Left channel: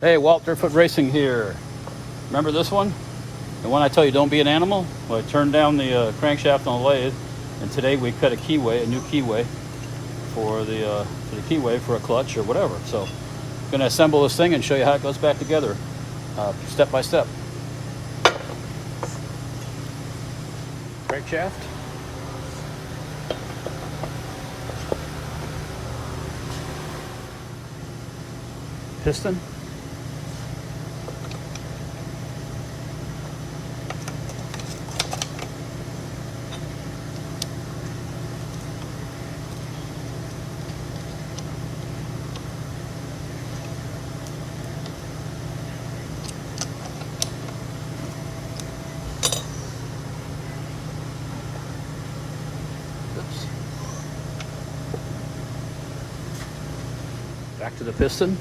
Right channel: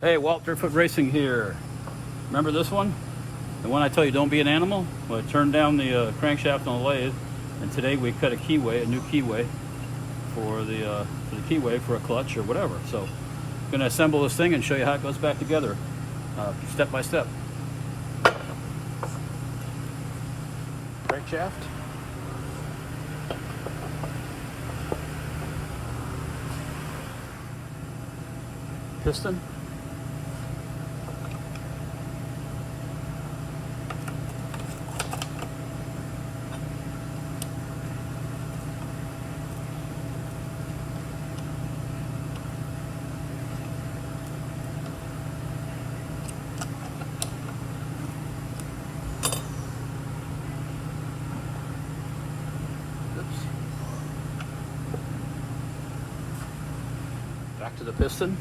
Hey, Walter Foot Racing here. Remember this one? The one I tell you don't be an animal? Well, I turned down the crankshaft on the lathe, and today we cut a keyway, a new keyway for the keyway for a clutch or whatever. So I'm gonna assemble this thing and show you how it goes back together, step by step. Crankshaft. Piston. Oops. Back to the piston.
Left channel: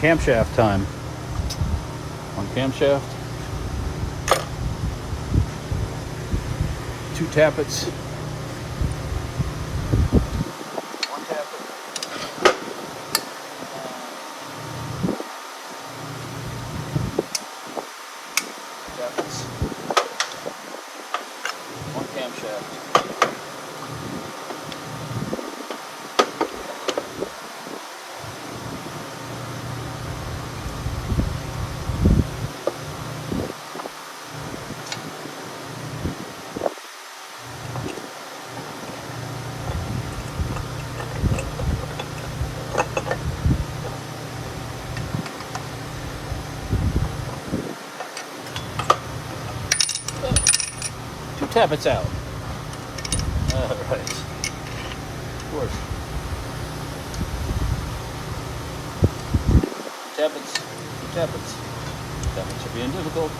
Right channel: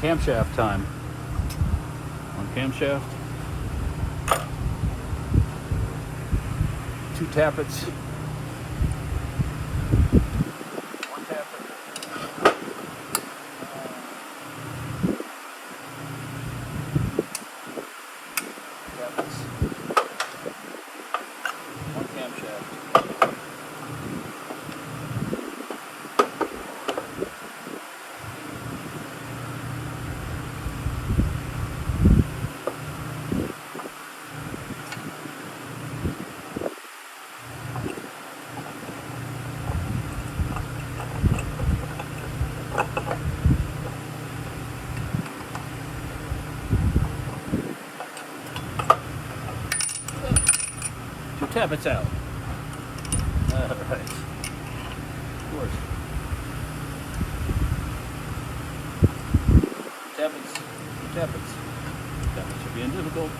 Camshaft time. On camshaft, 2 tappets, 1 tappet, tappets, 1 camshaft. Tappets out. All right. Of course. Tappets. Tappets. Tappets are being difficult.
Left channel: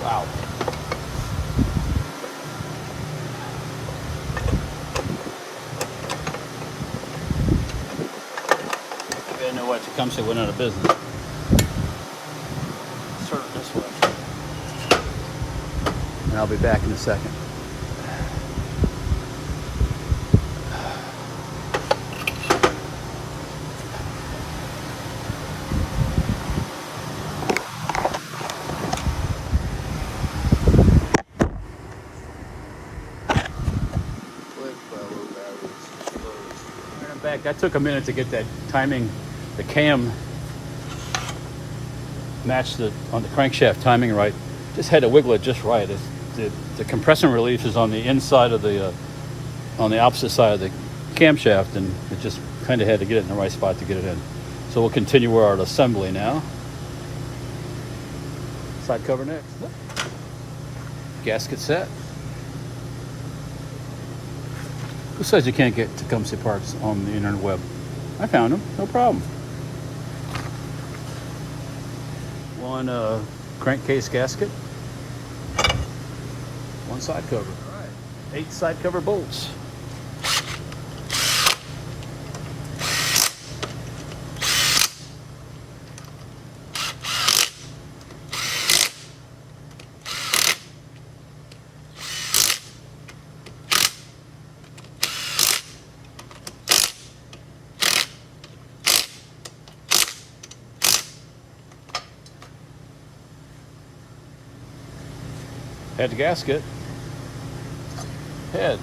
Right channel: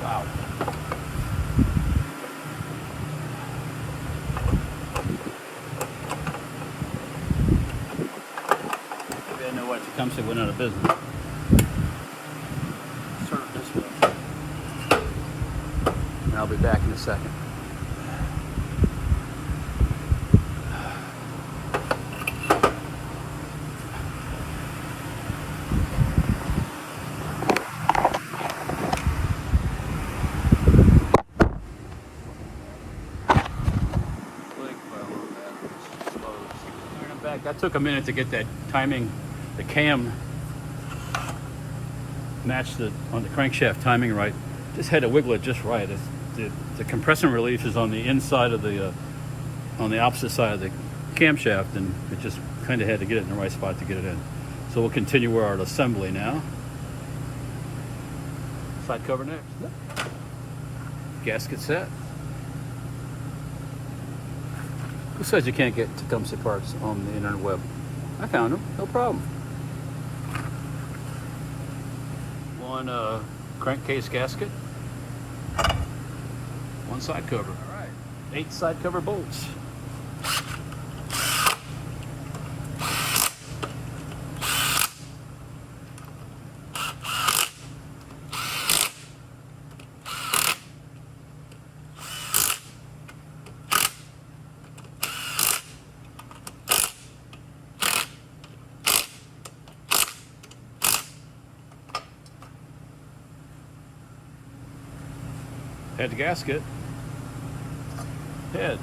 Wow. Maybe I know why Tecumseh went out of business. Start it this way. And I'll be back in a second. That took a minute to get that timing, the cam matched on the crankshaft timing right. Just had to wiggle it just right. The compression relief is on the inside of the, on the opposite side of the camshaft, and it just kind of had to get it in the right spot to get it in. So we'll continue our assembly now. Side cover next. Gasket set. Who says you can't get Tecumseh parts on the internet web? I found them, no problem. 1 crankcase gasket, 1 side cover. All right, 8 side cover bolts. Head gasket. Head.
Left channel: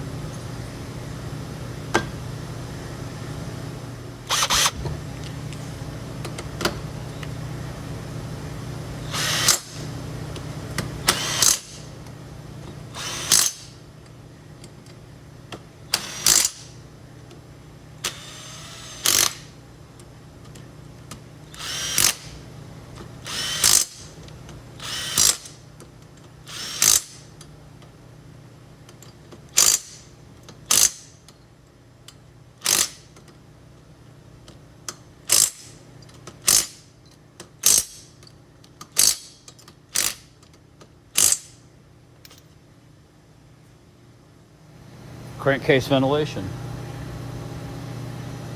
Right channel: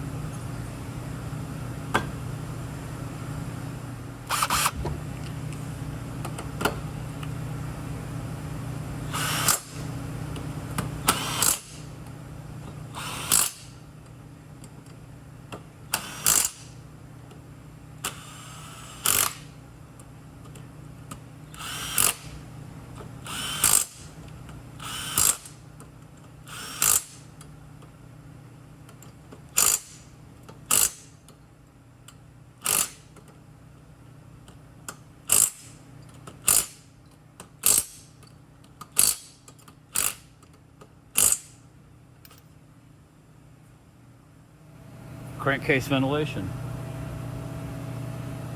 Crankcase ventilation.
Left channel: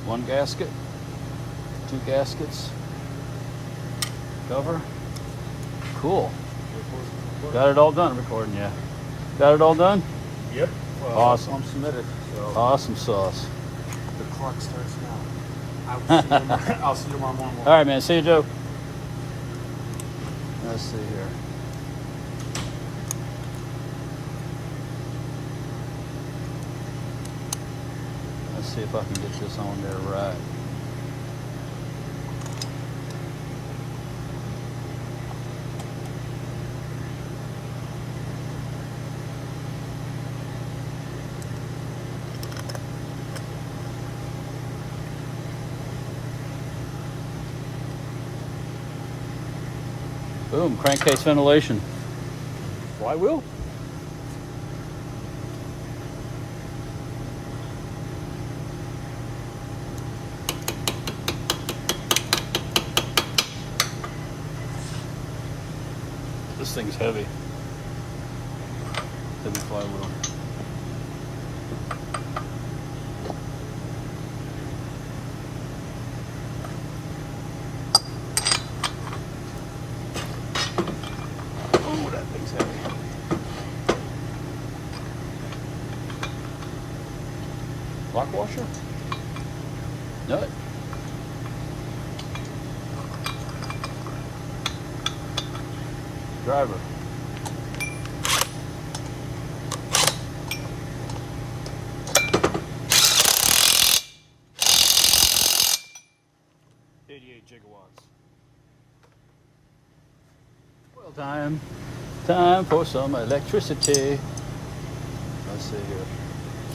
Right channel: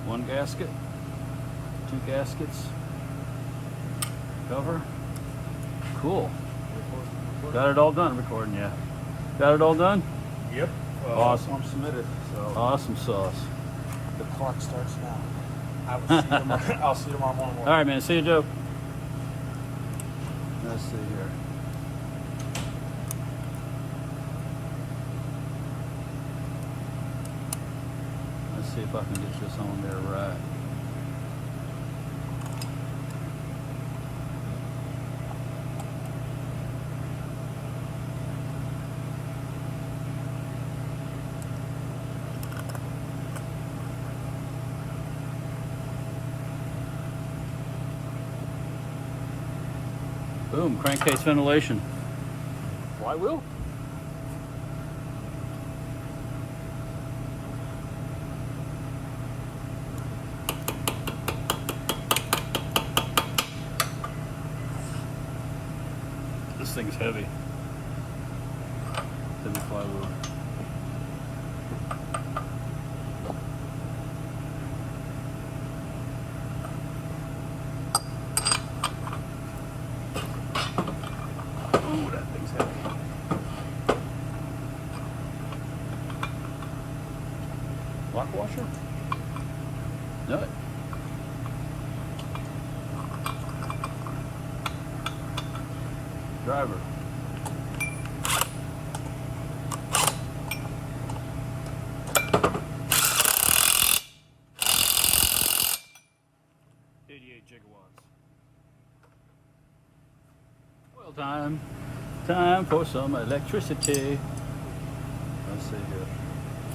One gasket, two gaskets, cover. Cool. Got it all done. Recording, yeah. Got it all done? Yep. Awesome. I'm submitted. So Awesome sauce. the clock starts now. I'll see you tomorrow morning. All right, man. See you, Joe. Let's see here. Let's see if I can get this on there right. Boom, crankcase ventilation. Flywheel? This thing's heavy. Heavy flywheel. Oh, that thing's heavy. Lock washer? Nut. Driver. Gigawatts. Well, time for some electricity. Let's see here.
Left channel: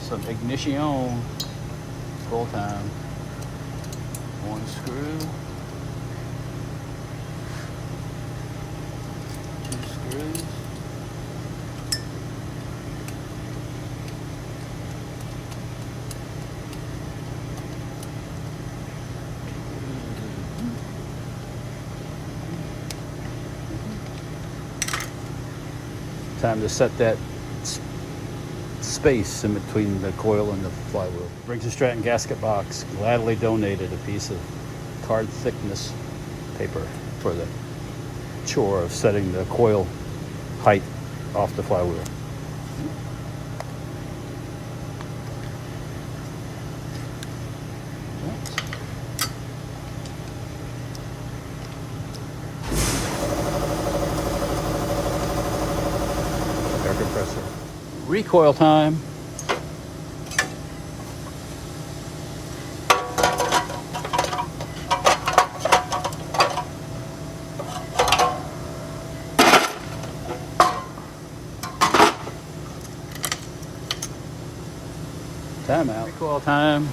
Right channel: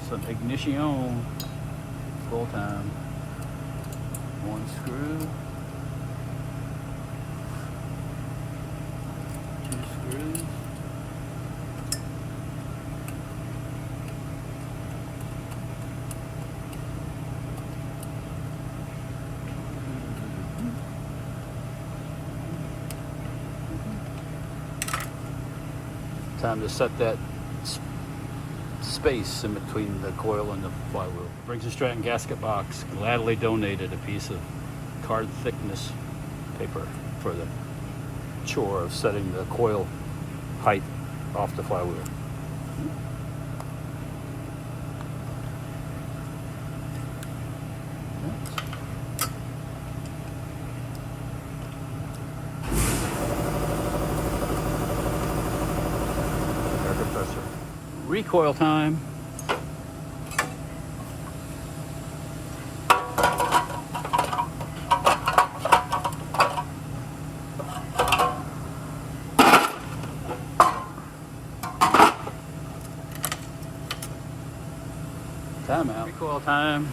Some ignition. Full time. One screw. Two screws. Time to set that space in between the coil and the flywheel. Brings a Stratton gasket box. Gladly donated a piece of card thickness paper for the chore of setting the coil height off the flywheel. Recoil time. Timeout. Recoil time.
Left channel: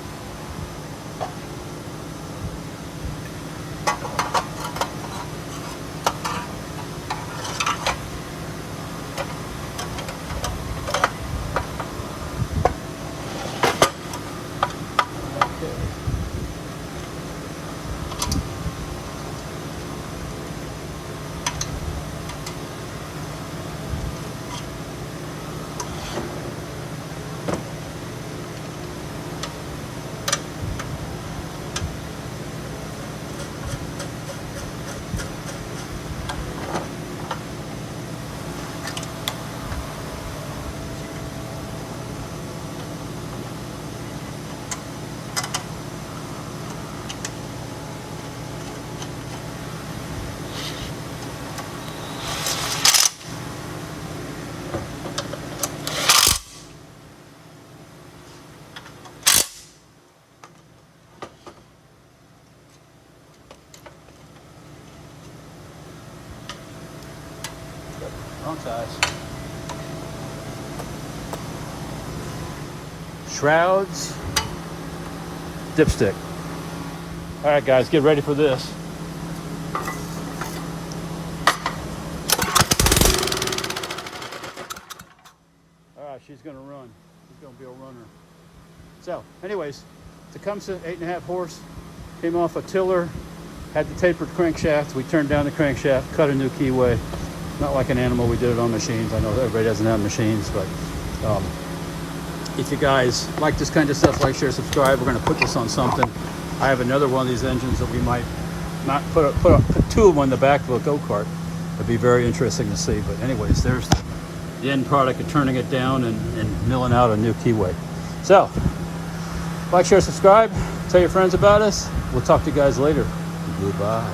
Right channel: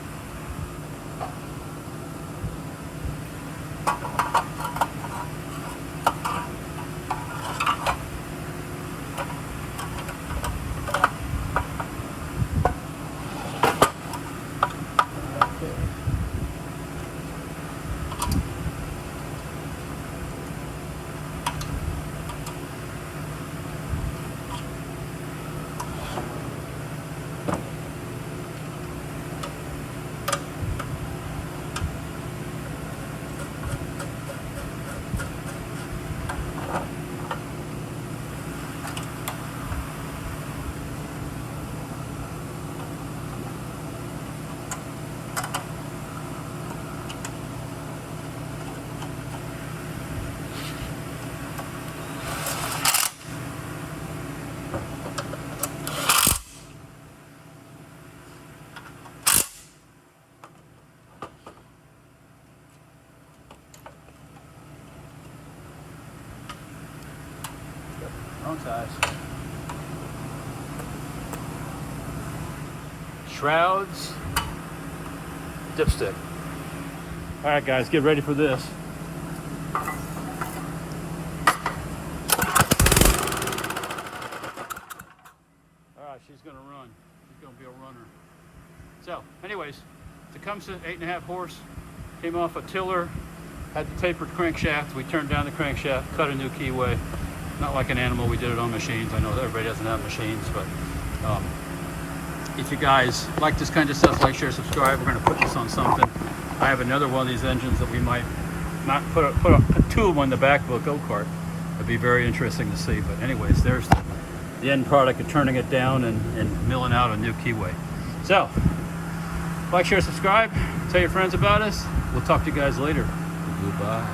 size. Shrouds, dipstick. All right, guys, get ready for this. All right, she's gonna run. She's gonna be a runner. So, anyways, Tecumseh, 8.5 horse, came off a tiller, had the tapered crankshaft. We turned down the crankshaft, cut a new keyway. Not like an animal, we did it on machines. I know everybody doesn't have machines, but if you guys like this kind of stuff, like, share, subscribe. We're gonna put this on something. I have another one of these engines that we might not put two of them in the back of a go-kart. It'd be very interesting to see. But anyways, there's the end product of turning it down and milling out a new keyway. So, like, share, subscribe. Tell your friends about us. We'll talk to you guys later. Goodbye.